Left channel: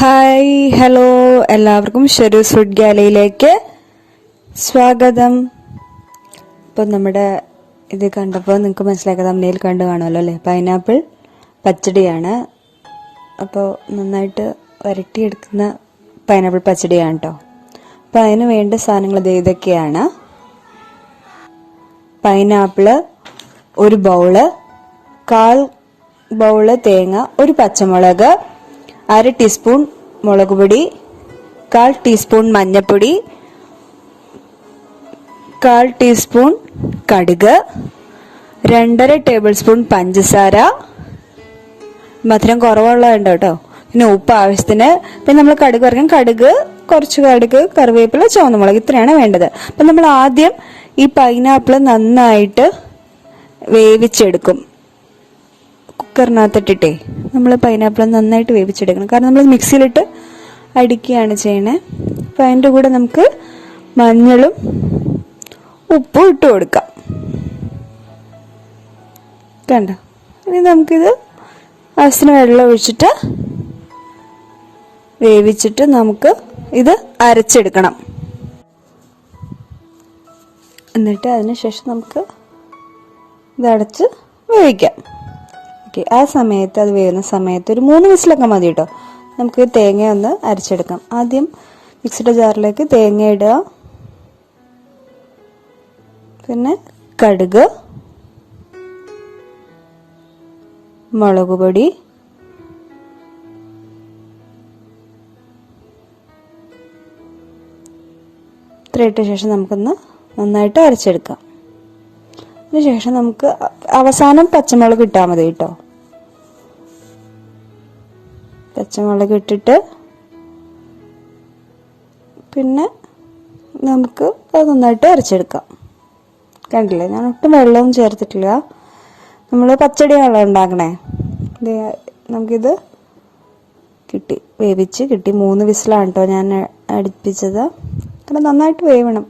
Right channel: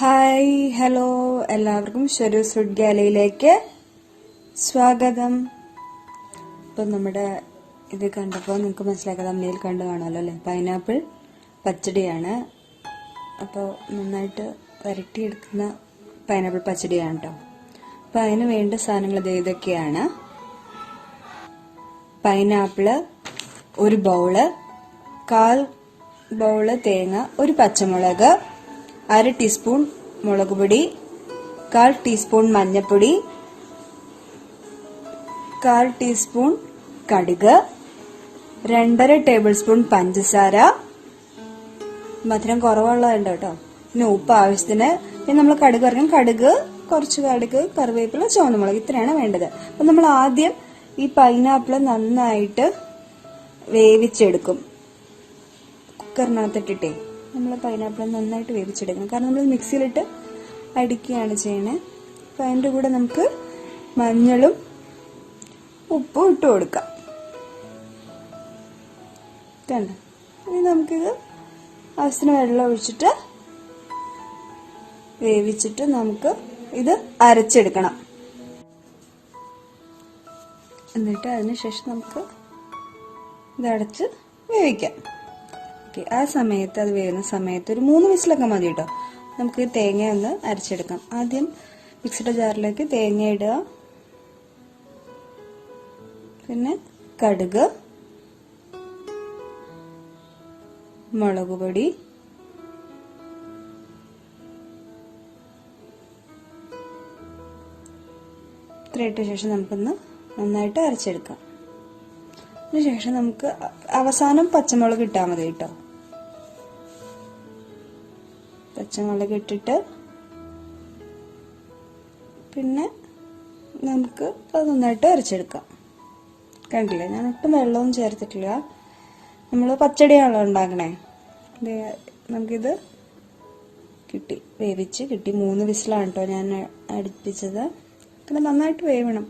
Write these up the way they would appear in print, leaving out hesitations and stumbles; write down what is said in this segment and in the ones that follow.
Hi hello എല്ലാവർക്കും ഷെറൂസ് food ഗാലയിലേക്ക് സ്വാഗതം. ഇപ്പോൾ നമ്മുടെ ഇത് കണ്ടപ്പോൾ നിങ്ങൾക്ക് മനസ്സിലാക്കുക, തമ്മിൽ കണ്ടു കാണുമല്ലോ അല്ലേ? പൈനാപ്പിൾ പച്ചടിയാണ്. അപ്പോൾ നന്നായിട്ട് വരട്ടിയെടുക്കുന്ന പൈനാപ്പിൾ പച്ചടിയാണ് കേട്ടോ. അപ്പോൾ അതിന് വേണ്ട സാധനങ്ങൾ ഇതൊക്കെയാണ്: പൈനാപ്പിള് ഒരു ബൗള്, 1/4 ബൗള് തേങ്ങ, ഒരു പച്ചമുളക്, 1/2 ടീസ്പൂൺ മുളക് പൊടി, 1/4 ടീസ്പൂൺ മഞ്ഞൾപ്പൊടി, 1/4 ടീസ്പൂൺ കടുക്, 2.5 ടേബിൾ സ്പൂൺ പഞ്ചസാര, മധുരം കുറവുള്ളതുണ്ട് കേട്ടോ. പിന്നെ ഉപ്പ് ആവശ്യത്തിന്. പിന്നെ നമ്മൾ കടുക് വറക്കാൻ കുറച്ച് കടുക്, കറിവേപ്പില, ചുവന്നമുളക്, ഇത്രയാണ് വേണ്ടത്. അപ്പം നമ്മൾ ആദ്യം ഈ പൈനാപ്പിൾ നന്നായിട്ട് വേവിച്ചെടുക്കും. കുക്കറിനകത്തിട്ടിട്ടേ നമ്മൾ പൈനാപ്പിൾ നന്നായിട്ട് വേവിച്ചെടുക്കണം. കാരണം നമ്മൾ മിക്സിയിലിട്ട് അടിക്കുകയാണ് ചെയ്യണേ. അപ്പം അതിൻ്റെ കൂടെ നമുക്ക് മഞ്ഞളും ഉപ്പും ഇട്ട് കൊടുക്കാം. കണ്ടോ? ഇനി നമുക്കിത് ആവശ്യത്തിന് വെള്ളം ഒഴിച്ചിട്ട് വേവിച്ചിട്ട് നമുക്ക് ഇത് അരച്ചെടുക്കണം. എന്നിട്ട് അതിന് ശേഷം നമുക്ക് ഇതടച്ച് വേവിക്കാം. ആ സമയത്ത്, അത് വേവുന്ന സമയത്ത് ഒരു 3 വിസിലൊക്കെ മതി കേട്ടോ. നമുക്ക് തേങ്ങ ഒന്ന് അരച്ചെടുക്കാം. ആദ്യം മിക്സിയുടെ ജാറിലേക്ക് തേങ്ങ ഇടുക, പിന്നെ കടുക്, മുളക് പൊടി, ഇത്ര ഇട്ട ശേഷം നമുക്കൊന്ന് നന്നായിട്ട് അരച്ചെടുക്കാം. അതിനുശേഷം നമുക്ക് അവസാനം പച്ചമുളക് ഇട്ടാൽ മതി കേട്ടോ. പച്ചമുളക് ഇട്ടിട്ട് പിന്നെ നമുക്ക് അത് നന്നായിട്ട് അരച്ചെടുക്കാം. കണ്ടില്ലേ, ഞാൻ ഒട്ടും വെള്ളവും ചേർത്തിട്ടില്ല. നമ്മൾ പച്ചടിയാണല്ലോ ഉണ്ടാക്കണേ. നമുക്കിത് വേവിച്ച് കിട്ടി. 3 വിസിലാണ് കേട്ടോ ഞാൻ അടുപ്പിച്ചത്. കാരണം നന്നായിട്ട് വേവണം,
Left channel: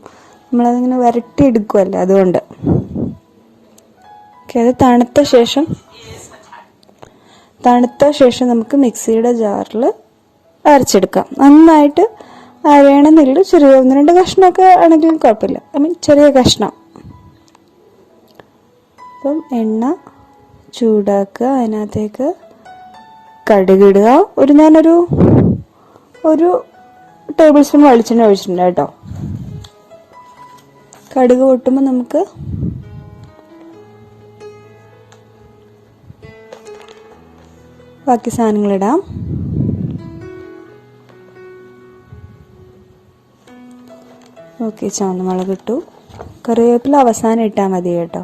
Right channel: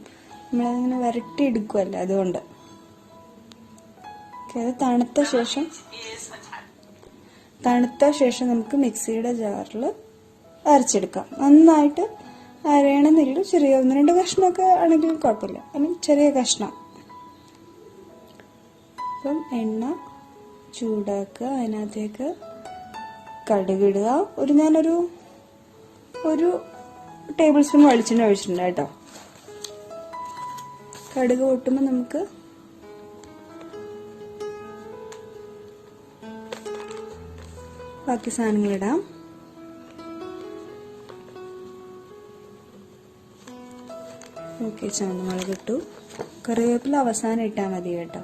നമ്മളതിങ്ങനെ വരട്ടിയെടുക്കുമല്ലോ, അതുകൊണ്ട്. അത് തണുത്ത ശേഷം നമുക്ക് മിക്സിയുടെ ജാറിൽ അരച്ചെടുക്കാം. നന്നായിട്ട് അരയണമെന്നില്ല, ചെറിയ 1-2 കഷ്ണമൊക്കെ ആണെങ്കിലും കുഴപ്പമില്ല. ചെറിയ കഷ്ണം. അപ്പം എണ്ണ ചൂടാക്കുക, അതിനകത്തേക്ക് കടുകിടുക. ഞാനൊരു 1 ടേബിൾ സ്പൂൺ വെളിച്ചെണ്ണ ഒഴിച്ചിട്ടുണ്ട് കേട്ടോ. കടുക് പൊട്ടുമ്പോൾ നമുക്ക് ബാക്കി സാധനങ്ങളിടാം. ഓക്കെ, ചുവന്നമുളക് ഇട്ടു. കറിവേപ്പില അവസാനം ഇട്ടാൽ മതി കേട്ടോ.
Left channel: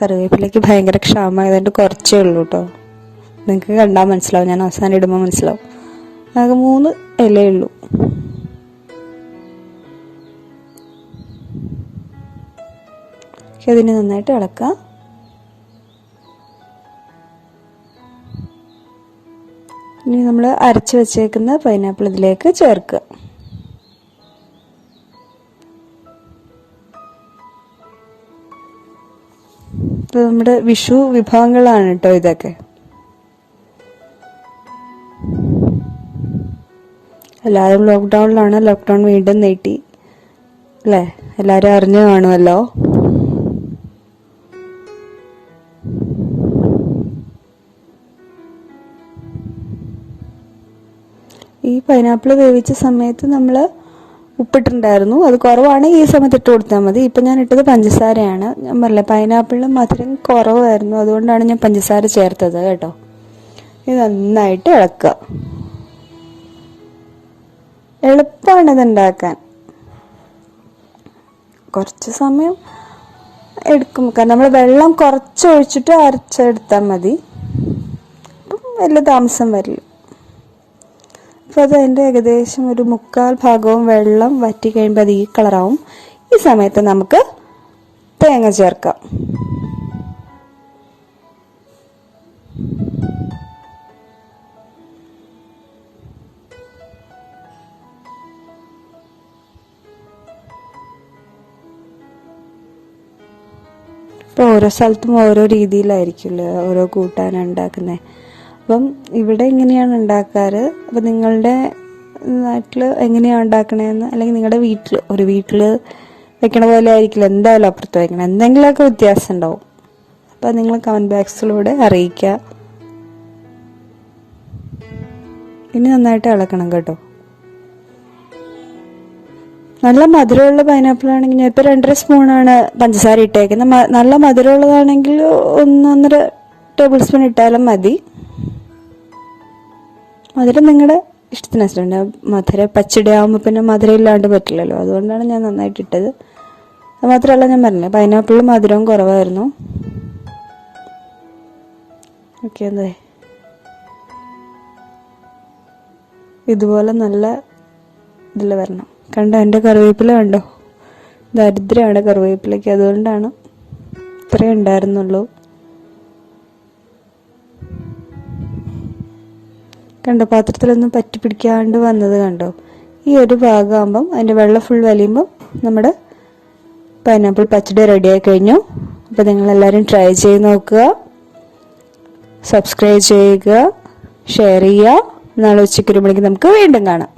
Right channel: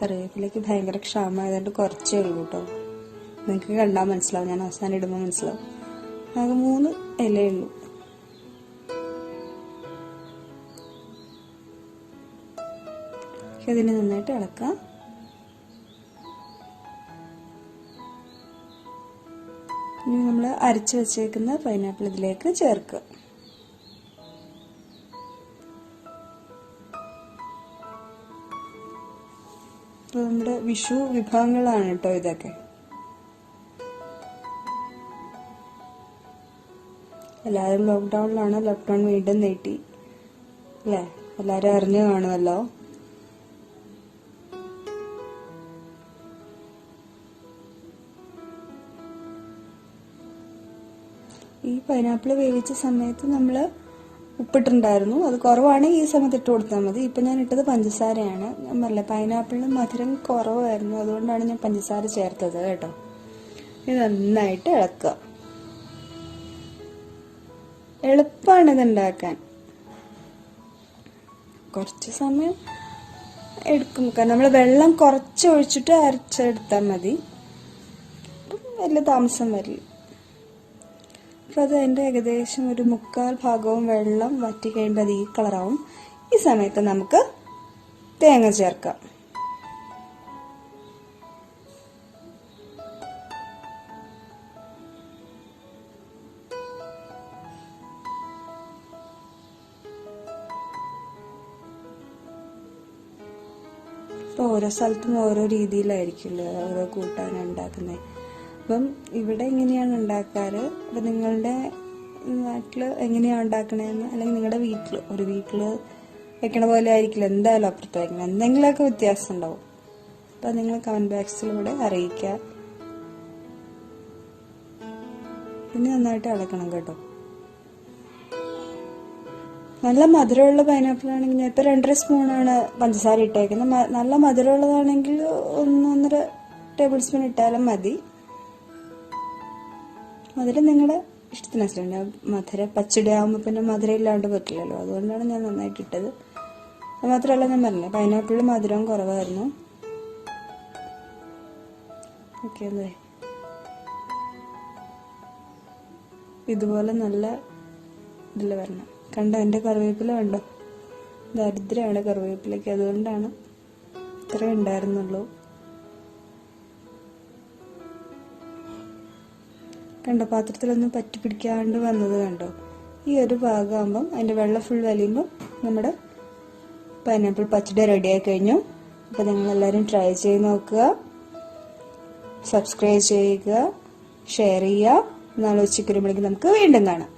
കറിവേപ്പിലയ്ക്ക് ഭയങ്കര ക്ഷാമമായതുകൊണ്ട് കുറച്ചേ ഉള്ളൂ കേട്ടോ. നിങ്ങൾക്ക് കണ്ടാൽ മനസ്സിലാവും, ഞാൻ അവസാനം ഇടുമ്പോൾ മനസ്സിലാവും. ആകെ 3 ഇലയേ ഉള്ളൂ. അതിന് നന്നായിട്ട് ഇളക്കാം. ഇനി നമ്മൾ അരച്ച് വെച്ചേക്കുന്ന പൈനാപ്പിൾ ഇതിലേക്ക് ചേർക്കുക. ഇപ്പൊ നമ്മുടെ വിഷു വിഭവങ്ങളാണ് കേട്ടോ ഇതൊക്കെ. എല്ലാവരും ലോക്ക്ഡൗണിലാണ്. ലോക്ക്ഡൗൺ വീണ്ടും നീട്ടി അല്ലേ? എല്ലാവരും അറിഞ്ഞു കാണുമല്ലോ. ഈ പൈനാപ്പിൾ വേവിച്ച സമയത്ത് നമ്മൾ ഉപ്പിട്ടുണ്ടായിരുന്നു. അത് കുറവാണെങ്കിൽ ഈ സമയത്ത് ഇട്ട് കൊടുത്താൽ മതി. ഇപ്പം ഞാൻ ഇട്ടത് പഞ്ചസാരയാണ്. ഞാൻ പറഞ്ഞില്ല, പൈനാപ്പിളിന് മധുരം കുറവായിരുന്നു, അതുകൊണ്ടാണ് ഞാൻ പഞ്ചസാര ചേർത്തത് കേട്ടോ. ഇത് നന്നായിട്ട് ഇളക്കുക. എളുപ്പമാണ് ഇതുണ്ടാക്കാൻ. കുറച്ച് സമയം എടുക്കും, കാരണം നമ്മൾ വെള്ളം കുറച്ച് ഒഴിച്ചിട്ട് അരച്ചെടുത്താൽ മതി. അപ്പം വലിയ താമസം വരില്ല. അപ്പോൾ അത് അതിൻ്റെ ഏകദേശം ഒരു 1/4 ഭാഗവും വെള്ളം വറ്റി കഴിയുമ്പോൾ അത് ഈ കളറാവും. ഈ സമയത്ത് നമുക്ക് തേങ്ങ ചേർക്കാം. ഇപ്പോൾ ഓരോ സ്ഥലത്തും ഓരോ രീതിയിലായിരിക്കുമല്ലോ ഓരോ കൂട്ടാൻ ഉണ്ടാക്കുന്നത്. അപ്പം ഇവിടെ എങ്ങനെയാണ് ഉണ്ടാക്കാറ്, അപ്പം നിങ്ങളുടെ നാട്ടിൽ എങ്ങനെയാണ് ഉണ്ടാക്കണതെന്ന്, അല്ലെങ്കിൽ നിങ്ങളുടെ വീട്ടിൽ വെക്കണ പോലെ ആയിരിക്കില്ല എന്തായാലും അപ്പുറത്ത് വെക്കണം, എന്തെങ്കിലുമൊക്കെ വ്യത്യാസം ഉണ്ടാവും. അപ്പം നിങ്ങൾ കമൻറ്റ് ബോക്സിലൂടെ അറിയിക്കുക. ഇനി നന്നായിട്ട് ഇളക്കണം കേട്ടോ. നല്ല മധുരമുള്ള പൈനാപ്പിൾ ആണെങ്കിൽ ഞാൻ ഇപ്പോൾ 2.5 സ്പൂണാണ് പഞ്ചസാര ഇട്ടേക്കുന്നത്. നല്ല മധുരമുള്ളതാണെങ്കിൽ 1-1.5 ടേബിൾ സ്പൂൺ ഇട്ടാലും മതി. മധുരം നിങ്ങളുടെ ഇഷ്ടത്തിനനുസരിച്ച്. പച്ചടി ആകുമ്പോൾ പിന്നെ മധുരം ഇല്ലാണ്ട് പറ്റില്ലല്ലോ, അതുകൊണ്ടാണ് ഞാൻ നന്നായിട്ട് ഇട്ടത്. അത് മാത്രമല്ല, ഞാൻ പറഞ്ഞില്ല പൈനാപ്പിളിൽ മധുരവും കുറവായിരുന്നു. ഓക്കെ, അതെ ഇതുപോലെ നല്ല ഇതിൽ വരണം. കണ്ടോ എൻ്റെ കറിവേപ്പില കണ്ടോ, ദരിദ്രമാണ് കറിവേപ്പിലയ്ക്ക്, അതുകൊണ്ടാണ് ഇത്രയും ഉണ്ടായിരുന്നുള്ളൂ. കണ്ടോ പാത്രത്തിലൊന്നും പറ്റി പിടിക്കാണ്ട് വന്നത് കണ്ടോ. ഈ ഒരു ഭാഗമാകുമ്പം അതിൻ്റെ വെള്ളം ഫുൾ വലിയുമ്പം നമ്മുടെ പൈനാപ്പിൾ പച്ചടി റെഡിയായി കഴിഞ്ഞു. അപ്പോൾ നിങ്ങളെല്ലാവരും ട്രൈ ചെയ്ത് നോക്കുക, സബ്സ്ക്രൈബ് ചെയ്യുക, ഷെയർ ചെയ്യുക. നാളെ ഉച്ചയ്ക്ക് 1 മണിക്ക് നമുക്ക് വീണ്ടും കാണാം.